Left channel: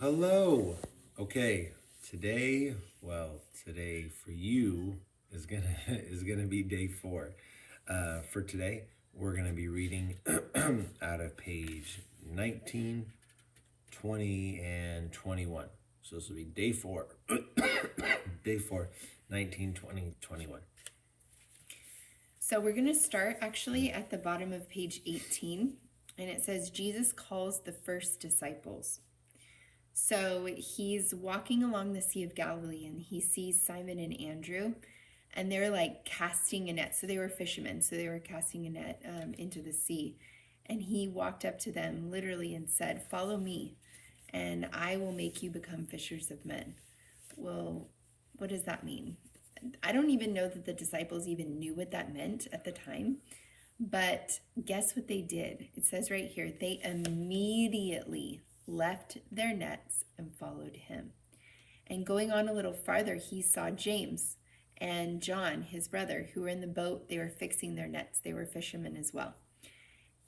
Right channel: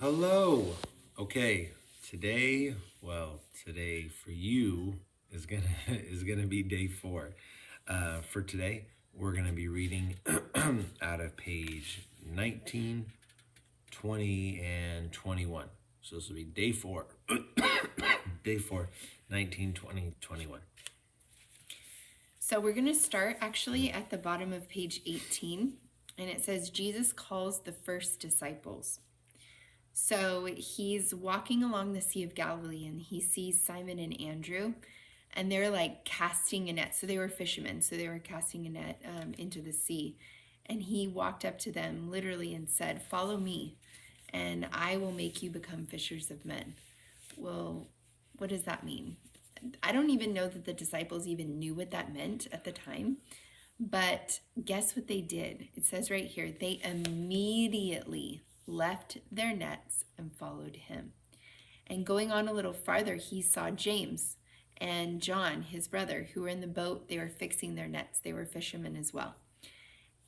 Hello. Okay, today, today for you is gonna is gonna be day 4. For today, we're gonna be reading out of page 19, 20, and 21. So this will be day 4. Day 4, 19, 20, 21. So we're going to start actually at the bottom of page 18, and it says Jesus calls the first disciples. So he's walking along the Sea of Galilee and he sees Simon and Andrew, and they're like casting a net. So they were fishermen, so they were casting a net into the sea. And he walked up to them literally and said, "Follow me, and I will make you become fishers of men." Well, what does that mean? I don't even know that the disciples even knew what that meant at the time. But guess what they did? It says right here, they immediately left their nets and followed him. And going on a little farther, he saw James and John, his brother, who were in the boat. They were fixing their nets. They were fishermen as well.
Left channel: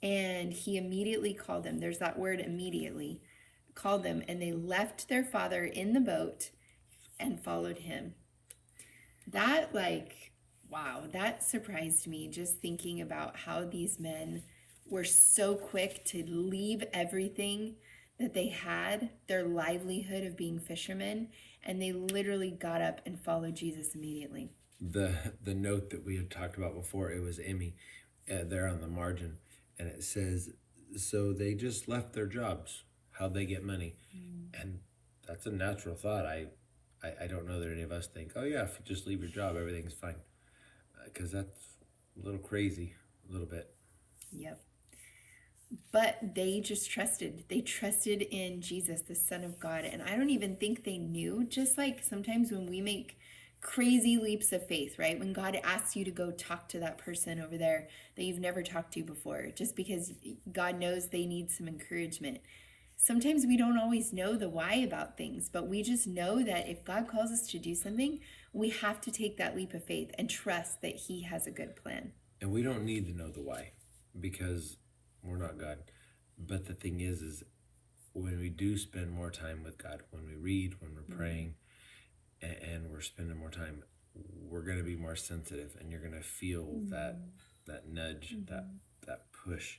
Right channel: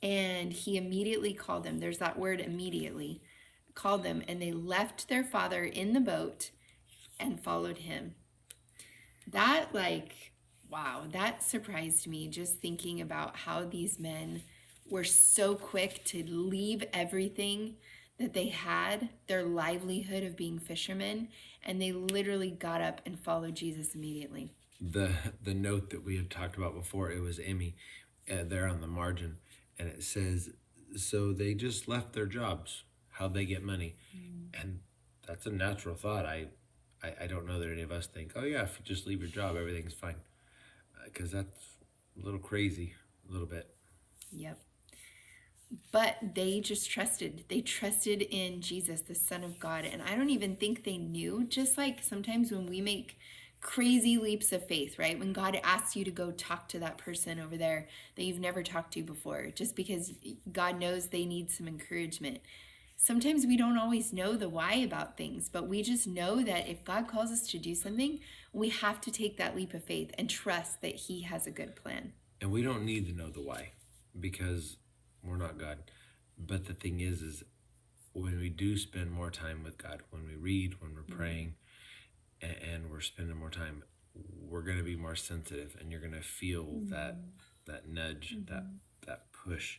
And he immediately called them. There's that word immediately. Called them, and they left their father in the boat and followed him. That, wow, that surprised me, just thinking about how these men were so quick to leave everything that they had, their livelihood of being fishermen, and they literally got up and followed Jesus immediately. The note that we had talked about before, it was Emmy there on the margin, and it says, so they just left their jobs. How'd they get money? And that's a natural thought. I don't know that any of us think, oh yeah, if you just leave your job, everything's fine. Because that's a little crazy, a little bit. Yep. But they just trusted. They trusted in Jesus, the Son of God. And I don't even think they knew, just like sometimes when we make crazy leaps of faith, right? When God asks you to go talk to that person over there that you've never talked to before, just because God knows they need some encouragement. Sometimes we don't always know the why about things, but we just know that if God calls us to do something, we have to take that leap of faith and trust that he has a good plan. And we don't need to know the why, because we're not God. But the thing is when we do spend more time with God, when we read, when we're praying, and we're spending more time, we're going to be more sensitive, and you're going to feel that nudge, that push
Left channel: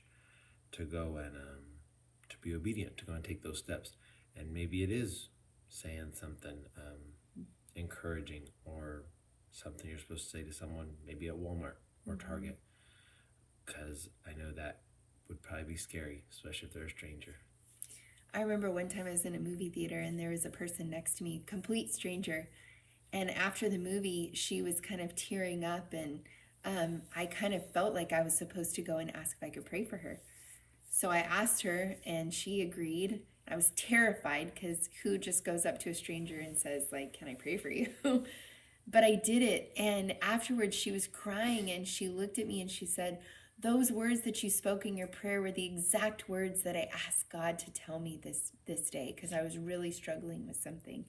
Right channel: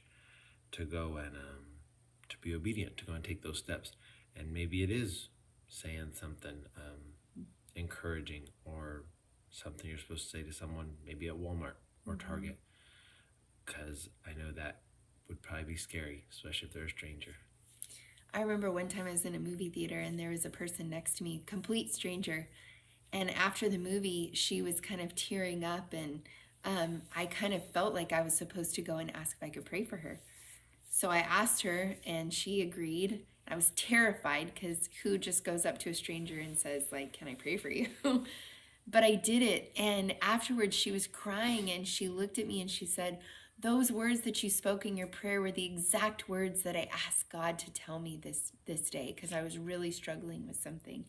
to go and to be obedient, to go and take those steps. And maybe it is saying something encouraging, or something you're supposed to say to someone, maybe at Walmart or Target, because I know that would probably be scary, especially if they're a stranger. I remember one time I was in a movie theater and there was a person next to me, complete stranger. And after the movie, she was kind of tearing up, and I kind of felt like I was supposed to go and ask if I could pray for her. So I asked her and she agreed. I was terrified, because who just goes up to a stranger and says, like, "Can I pray for you?" But I did it. And afterwards she was crying and she looked at me and she said, "Those words that you spoke in your prayer were the exact words that I asked God to tell me this day, because I was really struggling with something."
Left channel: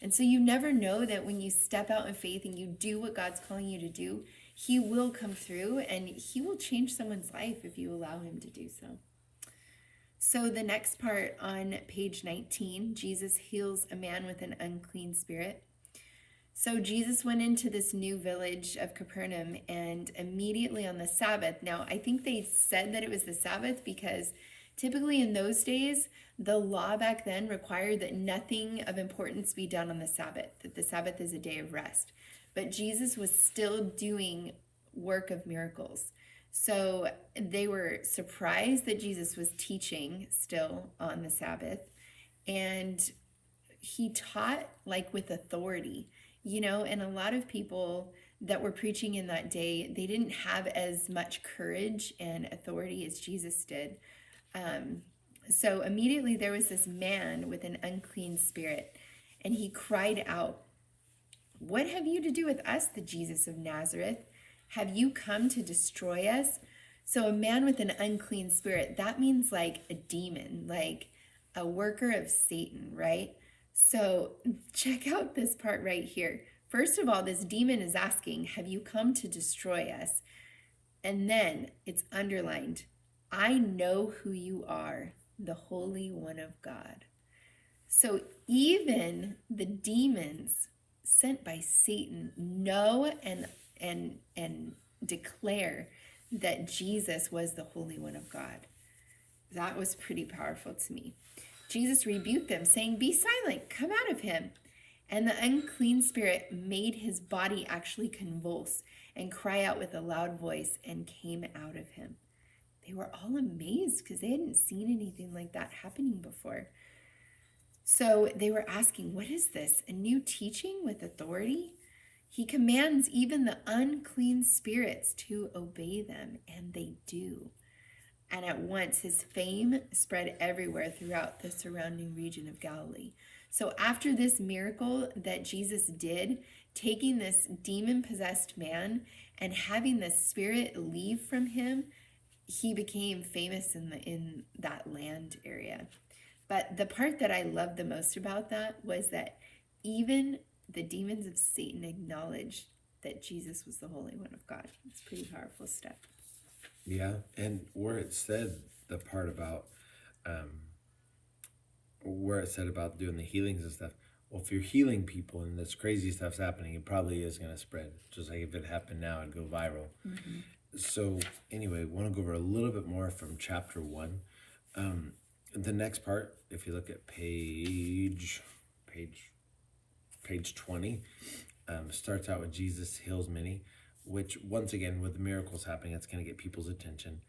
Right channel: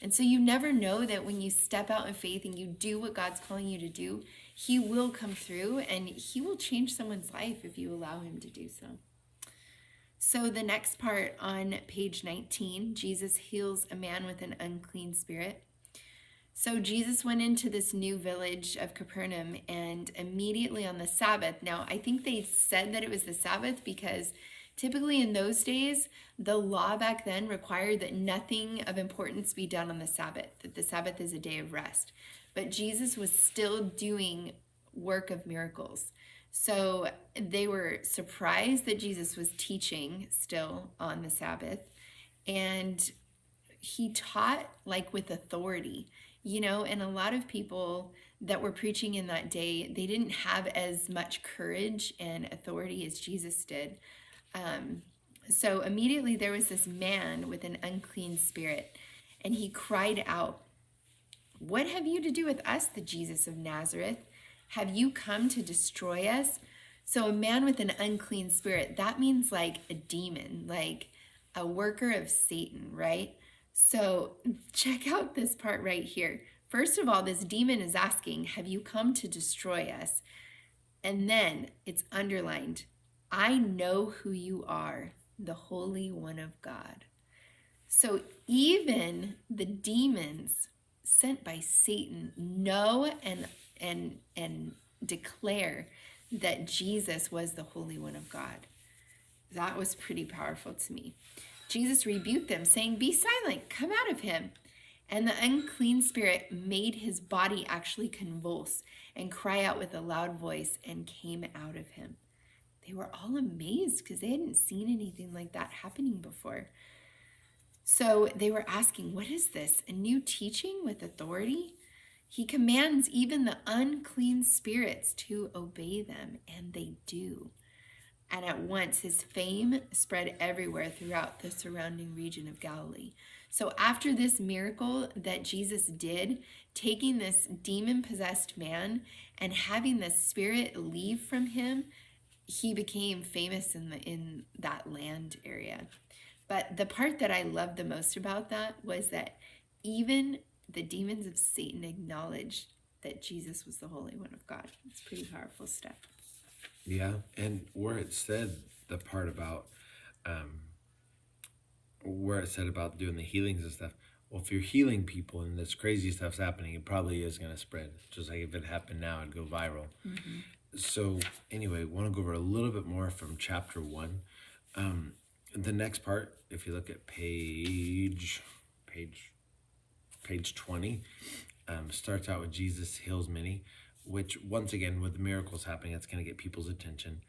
And so you never know that when you step out in faith and you do what God's calling you to do, he will come through and he will change someone's life if you allow him to do so. So the next part on page 19, Jesus heals a man with an unclean spirit. So Jesus went into this new village of Capernaum, and immediately on the Sabbath. Now, I think they said that it was the Sabbath because typically in those days, the law back then required that nothing of importance be done on the Sabbath, that the Sabbath is a day of rest. But Jesus was still doing work of miracles. So they were surprised that Jesus was teaching still on the Sabbath, and he taught like with authority, and a lot of people that were preaching in that day, they didn't have as much courage and authority as Jesus did. So immediately there was this man with an unclean spirit, and he cried out, "What have you to do with us, the Jesus of Nazareth? Have you come to destroy us?" So a man with an unclean spirit, that means like a demon, like a worker of Satan, right? So check out this part right here. First of all, this demon is asking, "Have you come to destroy us?" And then it's underlined, "I know who you are, the Holy One of God." So even the demons sent by Satan know and declare that Jesus was the Holy One of God. That was pretty powerful to me. Jesus rebuked them, saying, "Be silent, come out of him." And the unclean spirit made his body actually convulse and cry out with a loud voice and came out of him. They were all amazed because they hadn't seen anything like that happening before. So they were asking, "What is this? A new teaching with authority?" He commands even the unclean spirits to obey them, and they do. And at once his fame spread everywhere throughout the surrounding region of Galilee. So after this miracle that Jesus did, taking this demon-possessed man and having the spirit leave from him, he became famous in that land area. But the part that I loved the most about that was that even the demons of Satan acknowledged that Jesus was the Holy One of God. It's pretty powerful stuff. Yeah, and where it said the part about where it said about doing the healings and stuff. Well, if you're healing people and this crazy stuff's happening, it probably is going to spread. Just like if it happened now, it'd go viral. So anyway, want to go over a little bit more from chapter 1. The next part, if you look at page 20, starts out with Jesus heals many, which once again, with the miracles happening, it's going to get people's attention.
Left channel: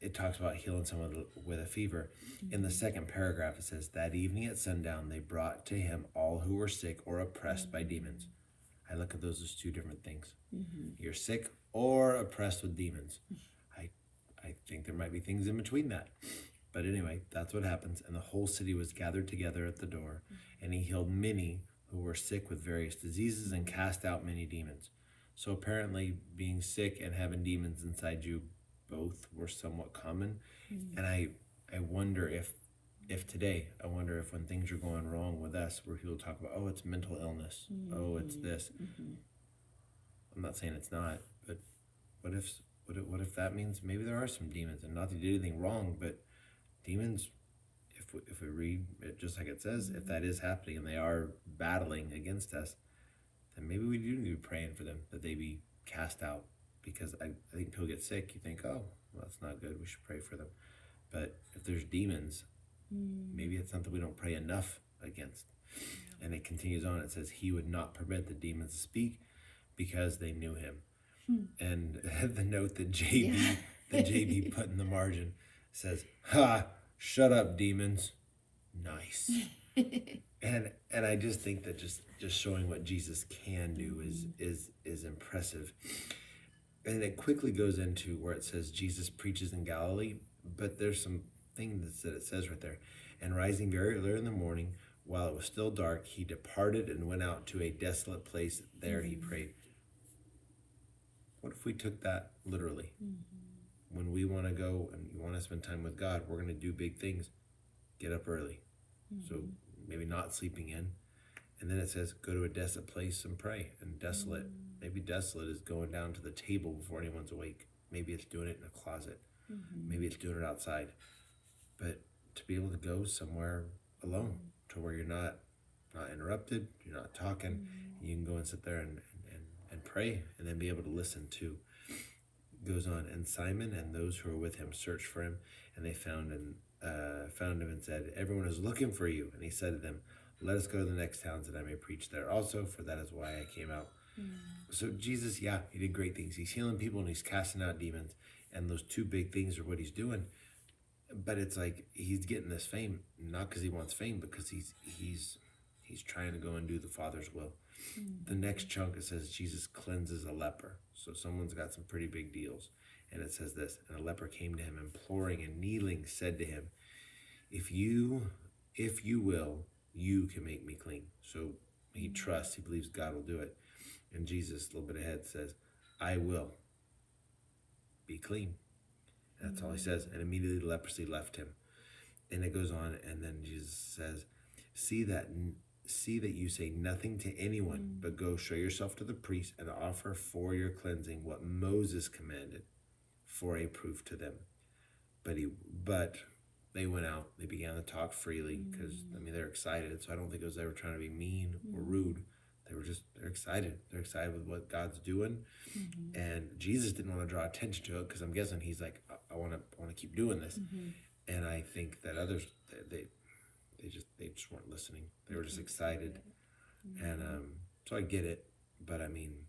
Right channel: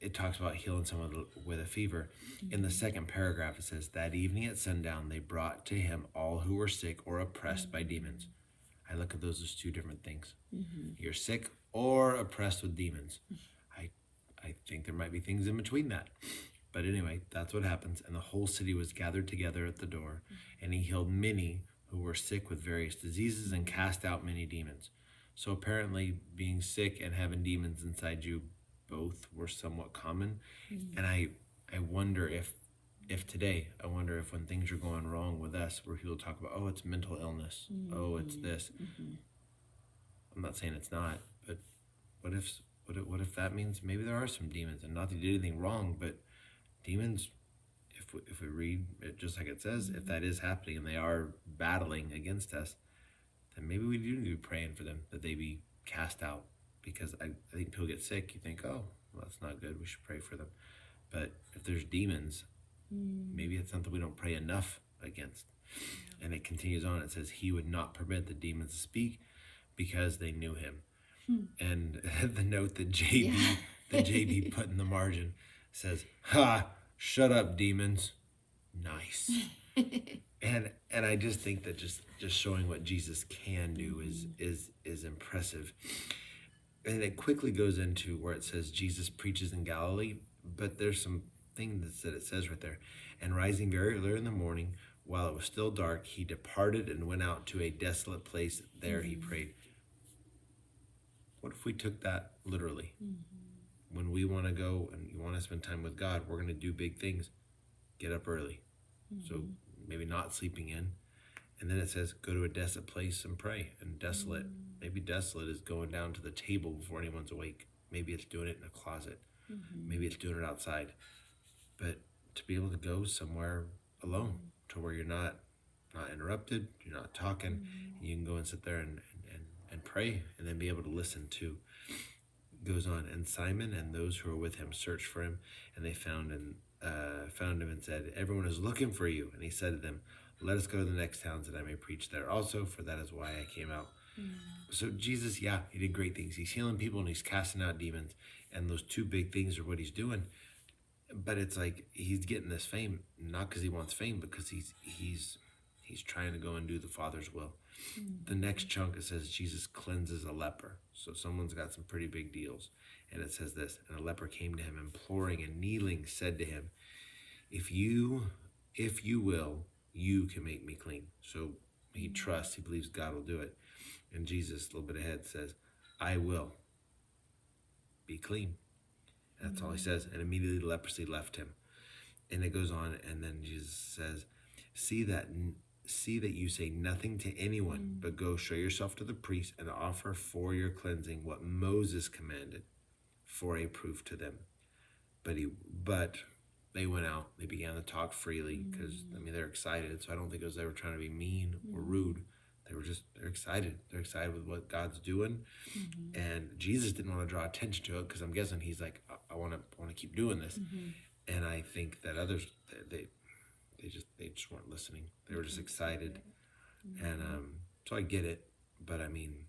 It talks about healing someone with a fever. In the second paragraph, it says, "That evening at sundown, they brought to him all who were sick or oppressed by demons." I look at those as two different things. You're sick or oppressed with demons. I think there might be things in between that. But anyway, that's what happens. And the whole city was gathered together at the door, and he healed many who were sick with various diseases and cast out many demons. So apparently being sick and having demons inside you both were somewhat common. And I wonder if today, I wonder if when things are going wrong with us, where people talk about, oh, it's mental illness, oh, it's this. I'm not saying it's not, but what if that means maybe there are some demons, and not that you did anything wrong, but demons, if we read it just like it says, if that is happening and they are battling against us, then maybe we do need to be praying for them, that they be cast out. Because I think people get sick, you think, oh, well, that's not good, we should pray for them. But if there's demons, maybe it's something we don't pray enough against. And it continues on, it says, he would not permit the demons to speak because they knew him. And the note that JB put in the margin says, "Ha, shut up, demons." Nice. And I just think that just showing what Jesus can do is impressive. And it quickly goes into where it says Jesus preaches in Galilee, but there's some things that it says right there. And rising very early in the morning, while it was still dark, he departed and went out to a desolate place. There he prayed. What if we took that literally? When we want to go and you want to spend time with God, we're going to do big things. Get up early. So maybe not sleeping in. And then it says, go to a desolate place and pray. And desolate, maybe desolate is going down to the table before anyone's awake. Maybe it's doing it in a closet. Maybe it's doing it outside. But to be able to go somewhere alone, to where you're not interrupted, you're not talking, you can go and sit there and pray, and then be able to listen to. Goes on, and Simon and those who were with him searched for him, and they found him and said, "Everyone is looking for you." And he said to them, "Let us go to the next towns that I may preach there also, for that is why I came out." So Jesus, he did great things. He's healing people and he's casting out demons, and those two big things are what he's doing. But it's like he's getting this fame not because he wants fame, because he's trying to go and do the Father's will. The next chunk, it says Jesus cleanses a leper. So someone's got some pretty big deals. And it says this, and a leper came to him, imploring and kneeling, said to him, if you will, you can make me clean. So he trusts, he believes God will do it. And Jesus, a little bit ahead, says, I will be clean. And that's all he says. And immediately the leprosy left him. And it goes on, and then Jesus says, see that you say nothing to anyone, but go show yourself to the priest and offer for your cleansing what Moses commanded for a proof to them. But they went out, they began to talk freely because, I mean, they're excited. So I don't think it was ever trying to be mean or rude. They're excited. They're excited with what God's doing. And Jesus didn't want to draw attention to it because I'm guessing he's like, I want to keep doing this. And I think that others, they just weren't listening. They were just excited. And so I get it. But I mean,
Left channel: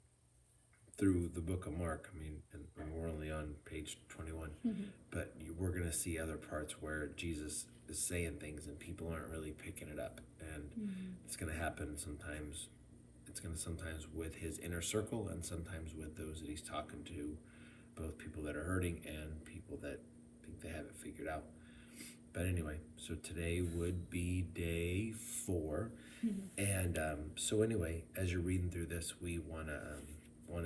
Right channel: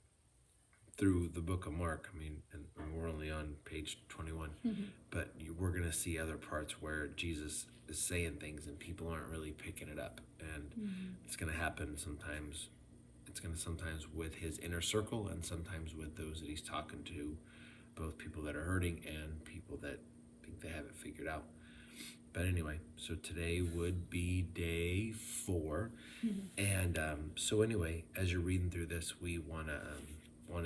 through the book of Mark, I mean, and we're only on page 21, but we're going to see other parts where Jesus is saying things and people aren't really picking it up. And it's going to happen sometimes. It's going to sometimes with his inner circle and sometimes with those that he's talking to, both people that are hurting and people that think they have it figured out. But anyway, so today would be day 4. And so anyway, as you're reading through this, we want to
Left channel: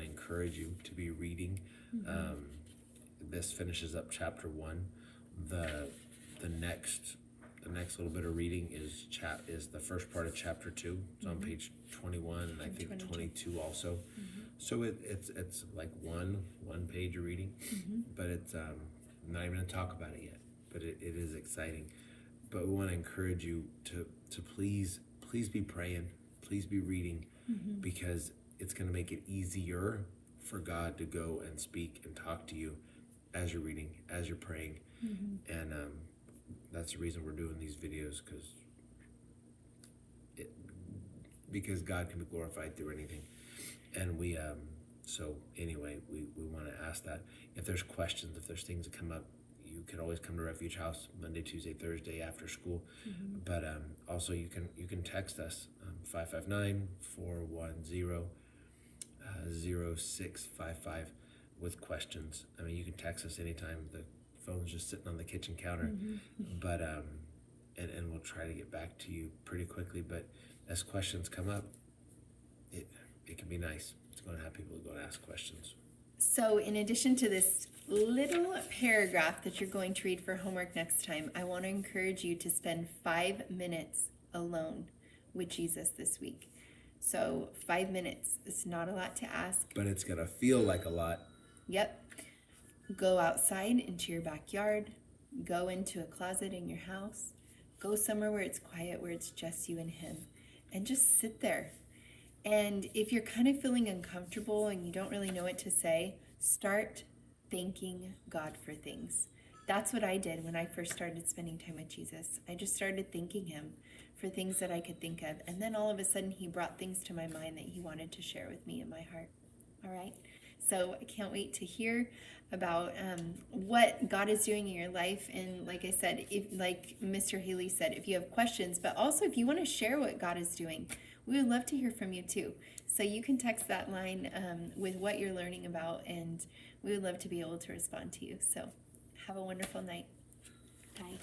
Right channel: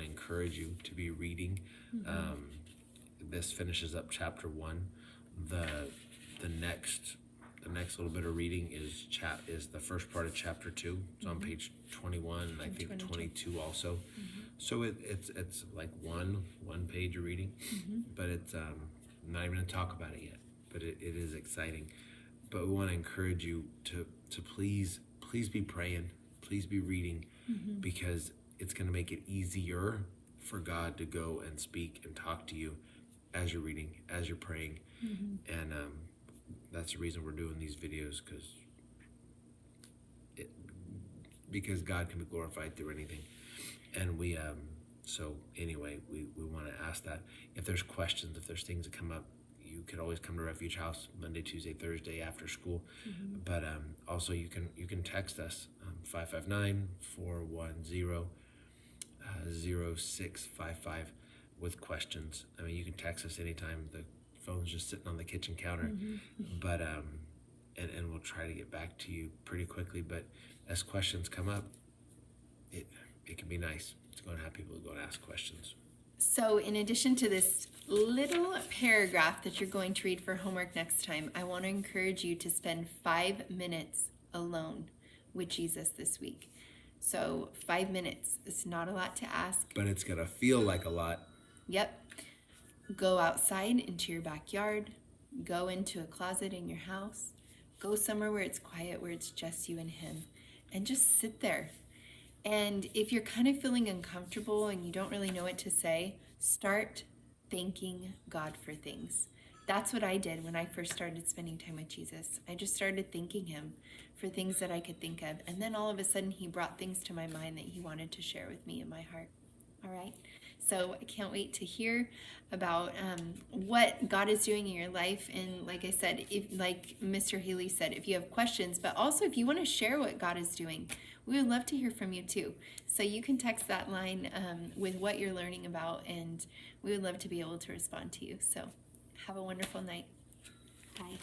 encourage you to be reading. This finishes up chapter 1. The next little bit of reading is the first part of chapter 2. It's on page 21 and I think 22 also. So it's like one page of reading, but it's not even gonna talk about it yet. But it is exciting. But we want to encourage you to please be praying, please be reading, because it's going to make it easier for God to go and speak and talk to you as you're reading, as you're praying. And that's the reason we're doing these videos, because God can be glorified through anything. And we so anyway, we want to ask that if there's questions, if there's things that come up, you could always come to Refuge House Monday, Tuesday, Thursday after school. But also you can text us 559-410-0655 with questions. I mean, you can text us anytime. The phone's just sitting on the kitchen counter. But and we'll try to get back to you pretty quickly. But as questions come up, it can be nice to go and have people go and ask questions. So in addition to this little paragraph that you're going to read for homework next time, I want to encourage you to spend 5 minutes alone with Jesus this week. So 5 minutes, it's not a lot to ask. But it's going to feel like a lot. Yep. Go outside into your backyard. Go into a closet in your house. Go somewhere where it's quiet, where it's just you and him. And just sit there. And if you're kind of feeling uncomfortable and you don't really know what to say, start thanking God for things. That's what I did when I first started spending time with Jesus. I just started thanking him for things that I could think of. And then all of a sudden he brought things to my mind that he wanted to share with me in my heart. All right. So I can't wait to hear about what God is doing in your life. And like I said, like Mr. Haley said, if you have questions, but also if you want to share what God is doing, we would love to hear from you too. So you can text that line with what you're learning about, and we would love to be able to respond to you. So have a wonderful night. Bye.